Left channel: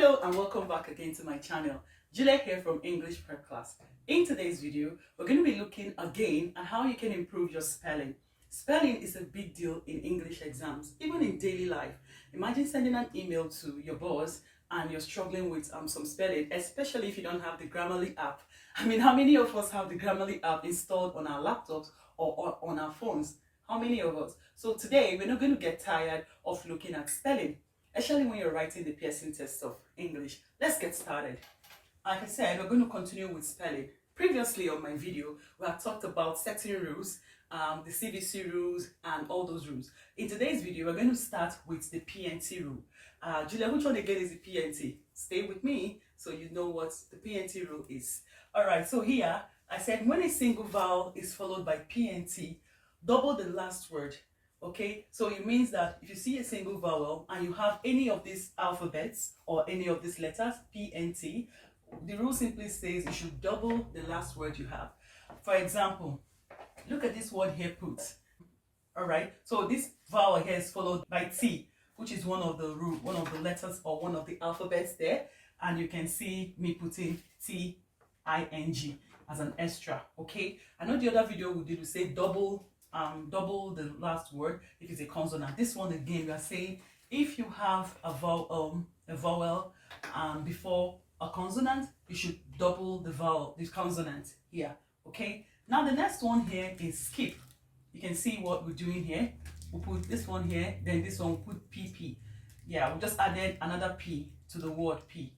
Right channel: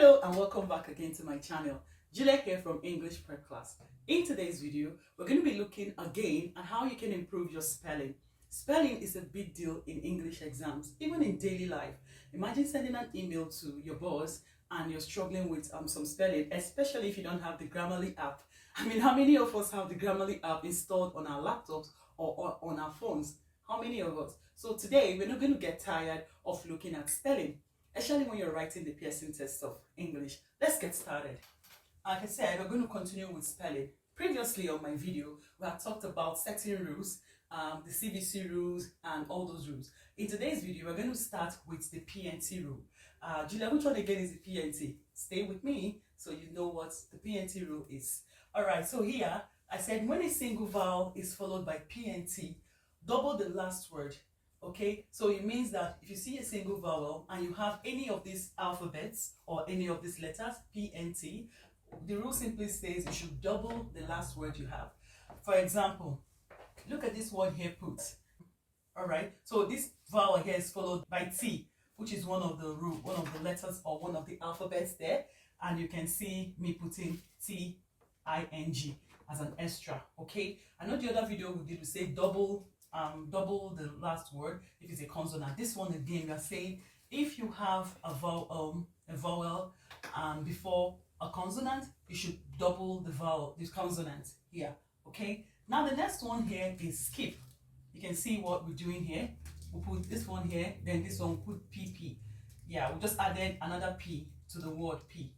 Hello and welcome back again to my channel. Juliet here from English Prep Class. In today's video, we're going to be looking again at how you can improve your spelling. Spelling is a big deal in English exams, even in daily life. Imagine sending an email to your boss and you're struggling with some spelling, especially if you don't have the Grammarly app. I mean, how many of us have the Grammarly app installed on our laptops or on our phones? How many of us? So today, we're not going to get tired of looking at spelling, especially when you're writing the Pearson test of English. Let's get started. Like I said, we're going to continue with spelling. Previously on my video, we have talked about certain rules, the CVC rules and all those rules. In today's video, we're going to start with the PNT rule. Julia, which one again is the PNT? Stay with me so you know what the PNT rule is. Alright, so here I said when a single vowel is followed by PNT, double the last word. Okay, so it means that if you see a single vowel and you have any of these alphabets or any of these letters, PNT, the rule simply says you should double the last word you have. For example, look at this word here, put. All right, so this vowel here is followed by T, which is one of the letters or one of the alphabets there, and you can see me putting TING as an extra. Okay, I know the other video we did, we say double the last word if it's a consonant. This one again, we are saying if you have a vowel before a consonant, you should double the consonant here. Okay, now the next one here is skip. You can see what we're doing here. We'll put this one here, then this one we'll put PP. Yeah, we just added another P to the word P,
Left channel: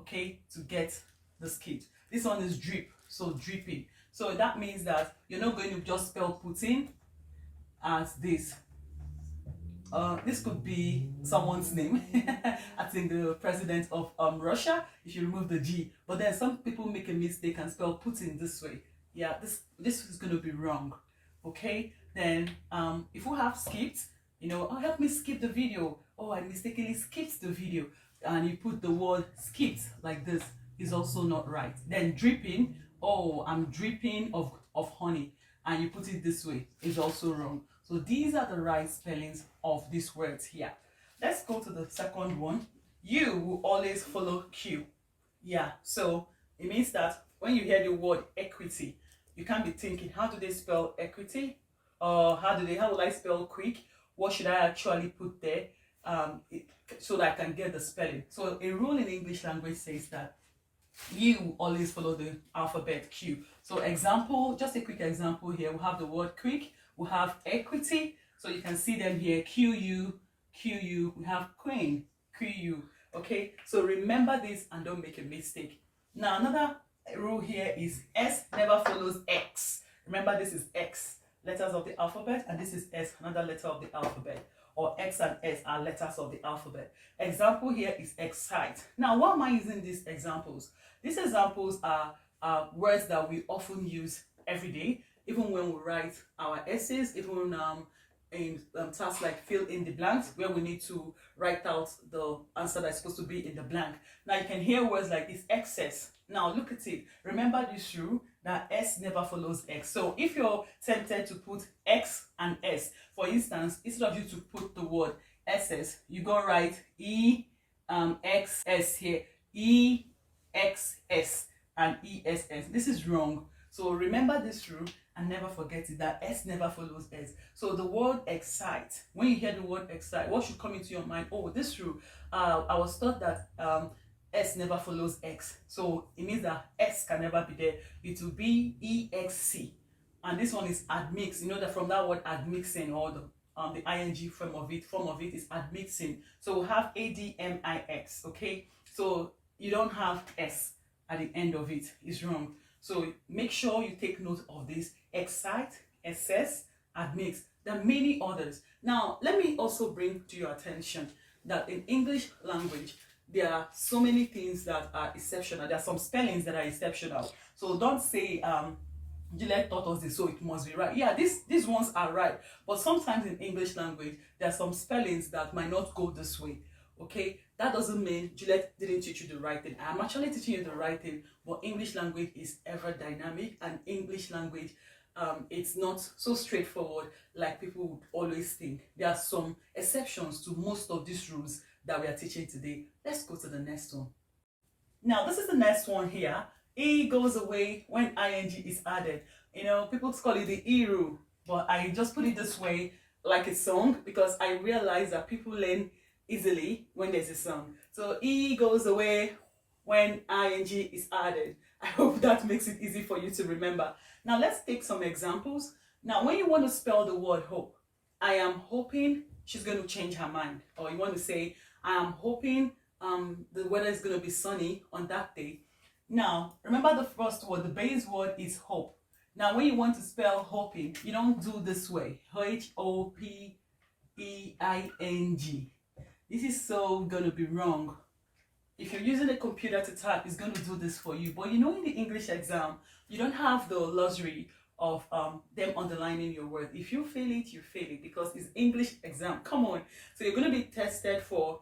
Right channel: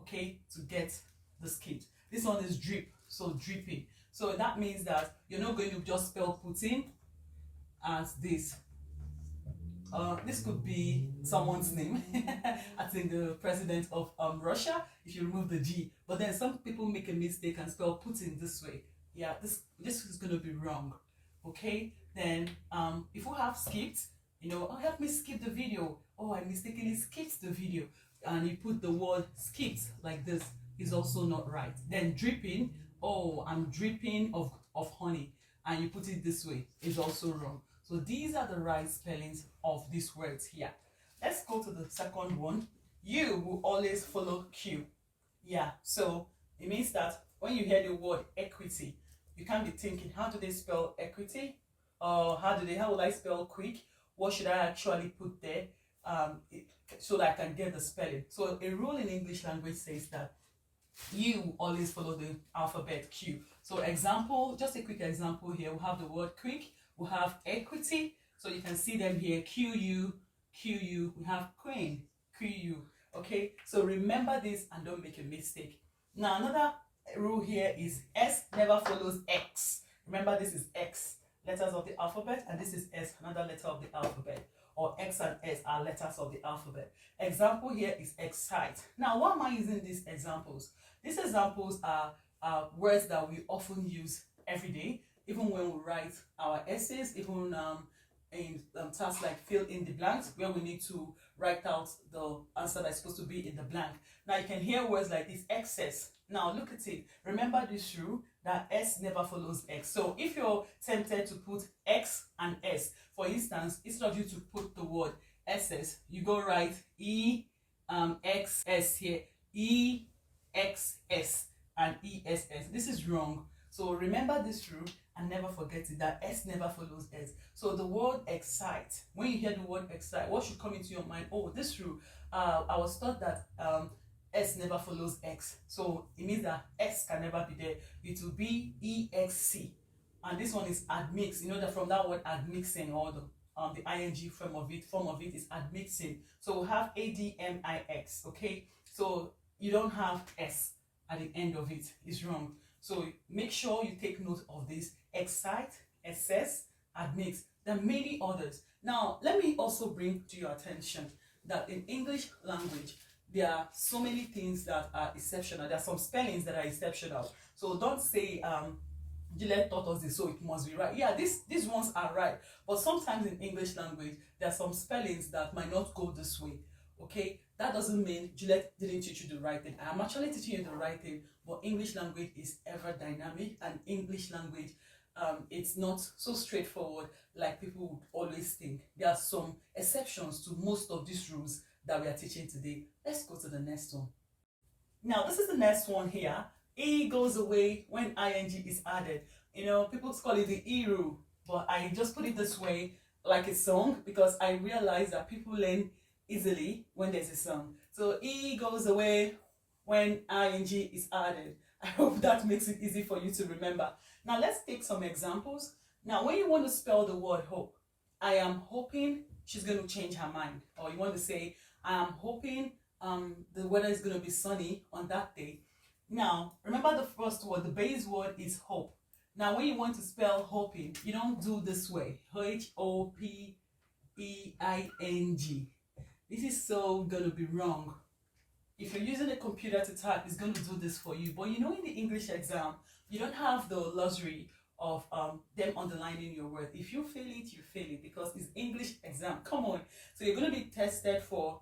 okay, to get the skip. This one is drip, so dripping. So that means that you're not going to just spell putting as this. This could be someone's name. I think the president of Russia, if you remove the G. But then some people make a mistake and spell Putin this way. Yeah, this is going to be wrong. Okay, then if we have skipped, you know, oh, help me skip the video. Oh, I mistakenly skipped the video. And you put the word skipped like this is also not right. Then dripping, oh, I'm dripping of honey, and you put it this way is also wrong. So these are the right spellings of these words here. Let's go to the second one. You will always follow Q. Yeah, so it means that when you hear the word equity, you can't be thinking, how do they spell equity? Or how will I spell quick? What should I actually put there so that I can get the spelling? So a rule in English language says that you always follow the alphabet Q. So example, just a quick example here. We have the word quick, we have equity. So you can see them here, QU, QU. We have queen, QU. Okay, so remember this and don't make a mistake. Now another rule here is S never follows X. Remember, this is X, letters of the alphabet, and this is S, another letter of the alphabet. Or X and S are letters of the alphabet. Example here is excite. Now, why am I using these examples? These examples are words that we often use every day, even when we write our essays, even in tasks like fill in the blanks, where we need to write out the answer that's supposed to be in the blank. Now, you can hear words like this, excess. Now, look at it. Remember this rule that S never follows X. So if you're tempted to put X and S, for instance, instead of you to put the word SS, you go write XS here, EXS and ESS. This is wrong. So remember this rule and never forget it, that S never follows S. So the word excite, when you hear the word excite, what should come into your mind? Oh, this rule, I was taught that S never follows X. So it means that S can never be there. It will be EXC. And this one is admix. You know that from that word admixing, or the ing form of it is admixing. So we have ADMIX. Okay, so you don't have S at the end of it. It's wrong. So make sure you take note of this. Excite, SS, admix. There are many others. Now let me also bring to your attention that in English language there are so many things that are exceptional. There are some spellings that are exceptional. So don't say Juliet taught us this, so it must be right. Yeah, these ones are right. But sometimes in English language, there are some spellings that might not go this way. Okay, that doesn't mean Juliet didn't teach you the right thing. I'm actually teaching you the right thing, but English language is ever dynamic, and English language, it's not so straightforward like people would always think. There are some exceptions to most of these rules that we are teaching today. Let's go to the next one. Now, this is the next one here. E goes away when ing is added. You know, people call it the E rule, but I just put it this way, like a song, because I realize that people learn easily when there's a song. So E goes away when ing is added. I hope that makes it easy for you to remember. Now, let's take some examples. Now, when you want to spell the word hope, I am hoping she's going to change her mind. Or you want to say, I am hoping the weather is going to be sunny on that day. Now, remember the first word, the base word is hope. Now, when you want to spell hoping, you don't do this way. H-O-P-E-I-N-G. This is so going to be wrong. If you're using a computer to type, it's going to do this for you. But you know, in the English exam, you don't have the luxury of them underlining your word. If you fail it, you fail it, because it's English exam. Come on. So you're going to be tested for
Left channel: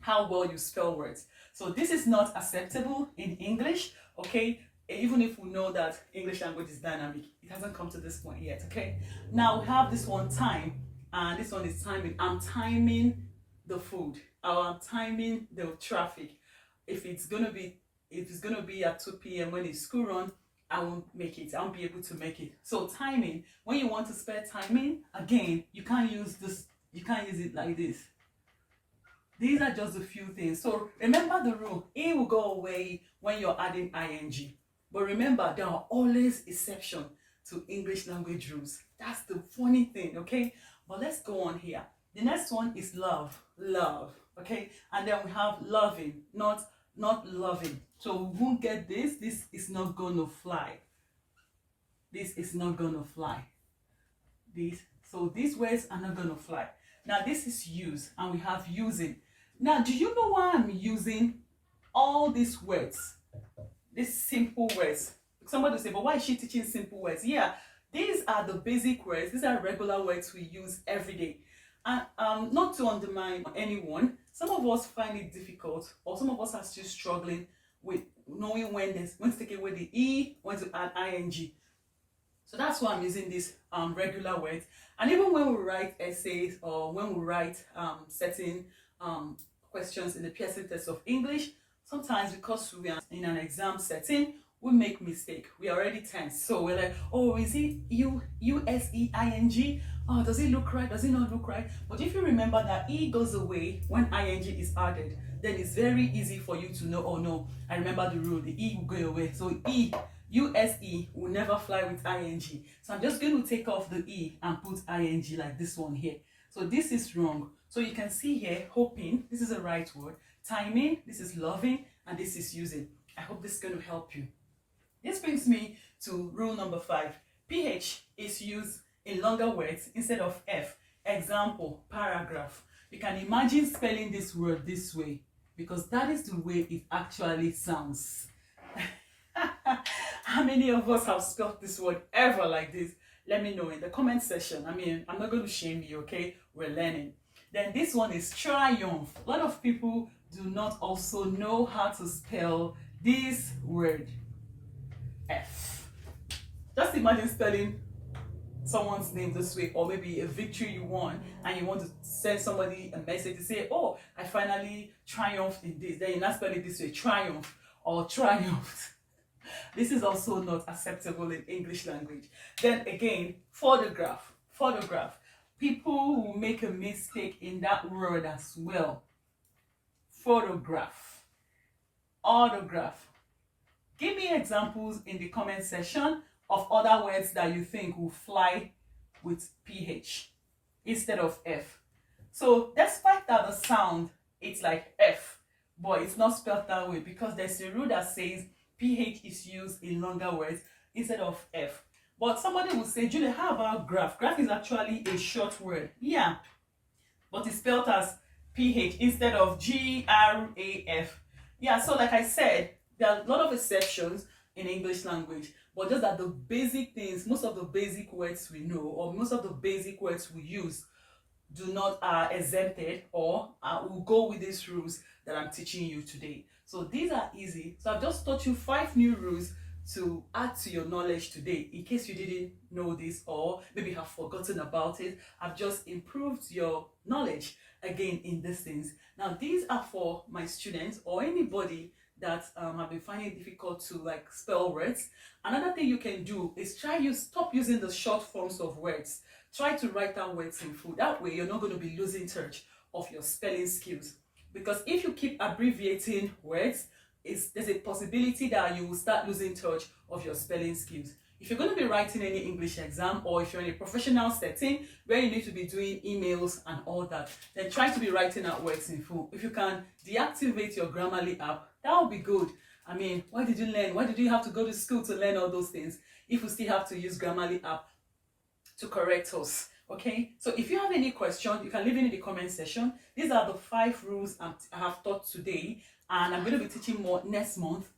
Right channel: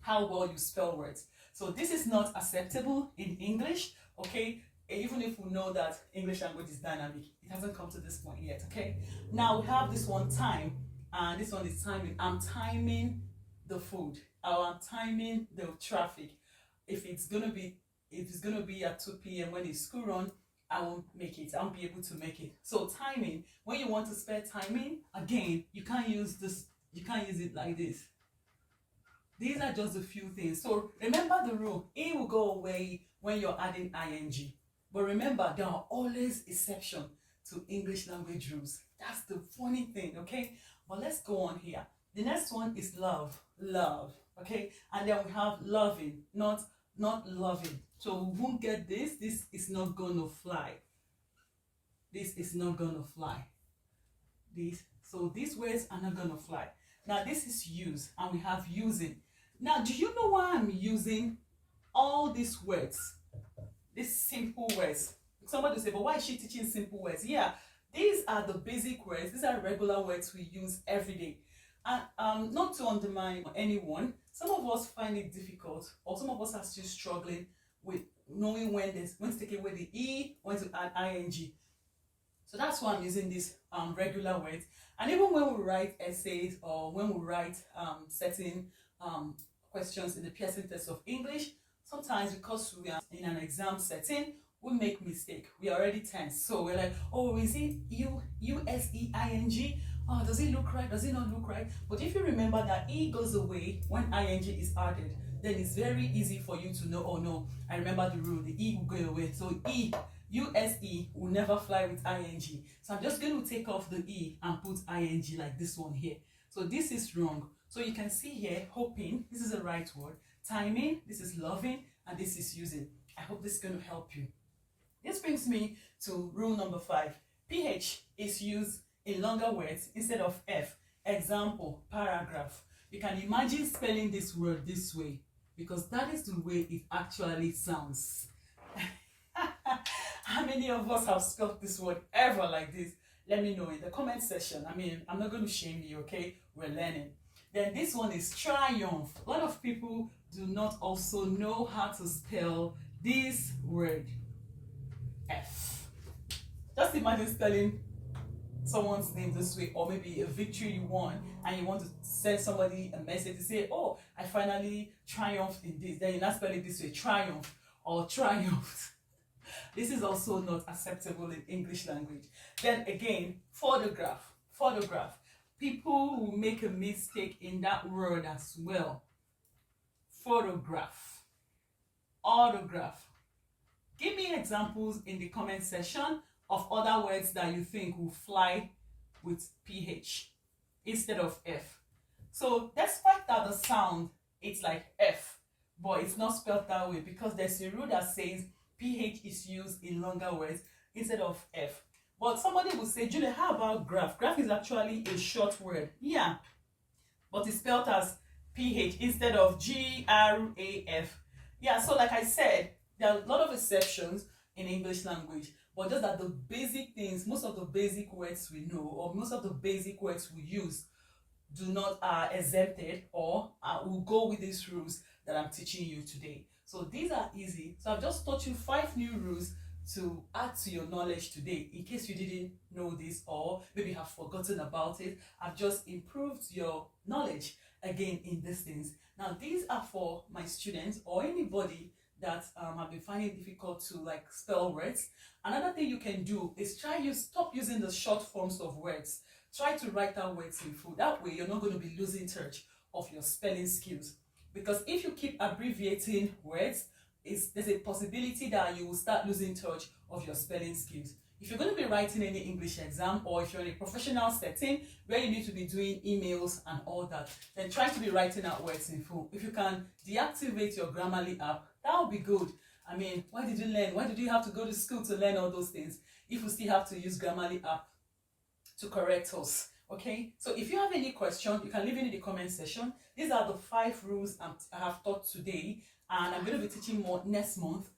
how well you spell words. So this is not acceptable in English, okay? Even if we know that English language is dynamic, it hasn't come to this point yet, okay? Now we have this one, time, and this one is timing. I'm timing the food, or I'm timing the traffic. If it's gonna be at 2 p.m. when it's school run, I won't make it. I won't be able to make it. So timing, when you want to spell timing, again, you can't use this. You can't use it like this. These are just a few things. So remember the rule. E will go away when you're adding ing. But remember, there are always exceptions to English language rules. That's the funny thing, okay? But let's go on here. The next one is love. Love, okay? And then we have loving, not loving. So we won't get this. This is not gonna fly. This is not gonna fly. So these words are not gonna fly. Now this is use, and we have using. Now, do you know why I'm using all these words? These simple words. Somebody will say, but why is she teaching simple words? Yeah, these are the basic words. These are regular words we use every day. And not to undermine anyone, some of us find it difficult, or some of us are still struggling with knowing when to take away the E, when to add ing. So that's why I'm using these regular words. And even when we write essays, or when we write certain questions in the Pearson test of English, sometimes because we are in an exam setting, we make mistake. We are already tense. So we're like, oh, is it U-S-E-I-N-G? Oh, does it look right? Does it not look right? But if you remember that E goes away when ing is added, then it's very easy for you to know, oh no, I remember the rule, the E will go away. So E, U-S-E will never fly with ing. So I'm just going to take off the E and put ing like this one here. So this is wrong. So you can see here, hoping, this is the right word. Timing, this is loving, and this is using. I hope this is going to help you. This brings me to rule number 5. PH is used in longer words instead of F. Example, paragraph. You can imagine spelling this word this way, because that is the way it actually sounds. How many of us have spelled this word ever like this? Let me know in the comment section. I mean, I'm not going to shame you, okay? We're learning. Then this one is triumph. A lot of people do not also know how to spell this word, F. Just imagine spelling someone's name this way, or maybe a victory you won, and you want to send somebody a message to say, oh, I finally triumphed in this. Then you not spell it this way, triumph or triumphed. This is also not acceptable in English language. Then again, photograph. Photograph. People will make a mistake in that word as well. Photograph. Autograph. Give me examples in the comment section of other words that you think will fly with PH instead of F. So despite that the sound, it's like F, but it's not spelled that way, because there's a rule that says PH is used in longer words instead of F. But somebody will say, Julia, how about graph? Graph is actually a short word. Yeah, but it's spelled as PH instead of G-R-A-F. Yeah, so like I said, there are a lot of exceptions in English language, but just that the basic things, most of the basic words we know, or most of the basic words we use, do not are exempted, or will go with these rules that I'm teaching you today. So these are easy. So I've just taught you 5 new rules to add to your knowledge today. In case you didn't know this, or maybe have forgotten about it, I've just improved your knowledge. again in these things. Now these are for my students or anybody that have been finding it difficult to like spell words. Another thing you can do is stop using the short forms of words. Try to write down words in full. That way you're not going to be losing touch of your spelling skills. Because if you keep abbreviating words, there's a possibility that you will start losing touch of your spelling skills. If you're going to be writing any English exam, or if you're in a professional setting where you need to be doing emails and all that, then try to be writing out words in full. If you can deactivate your Grammarly app, that would be good. I mean, why did you learn? Why did you have to go to school to learn all those things if you still have to use Grammarly app to correct us? Okay, so if you have any question, you can leave it in the comment section. These are the 5 rules I have taught today, and I'm going to be teaching more next month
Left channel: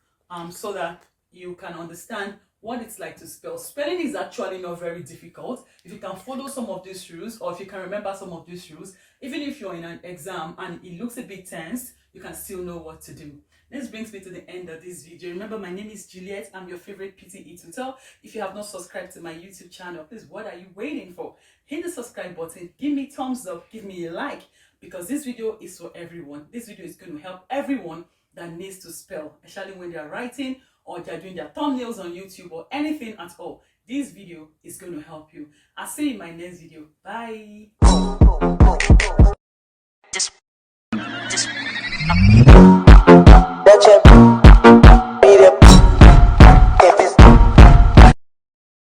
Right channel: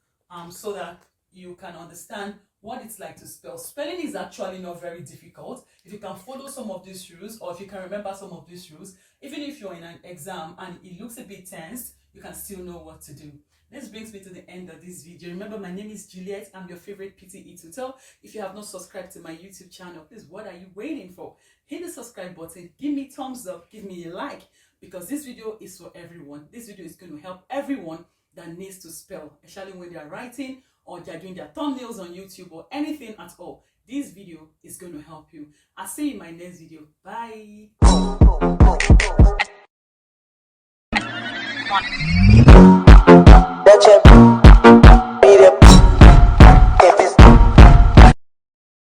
so that you can understand what it's like to spell. Spelling is actually not very difficult. If you can follow some of these rules, or if you can remember some of these rules, even if you're in an exam and it looks a bit tense, you can still know what to do. This brings me to the end of this video. Remember, my name is Juliet. I'm your favorite PTE tutor. If you have not subscribed to my YouTube channel, please, what are you waiting for? Hit the subscribe button, give me thumbs up, give me a like, because this video is for everyone. This video is going to help everyone that needs to spell, especially when they're writing or they're doing their thumbnails on YouTube or anything at all. This video is going to help you. I'll see you in my next video. Bye.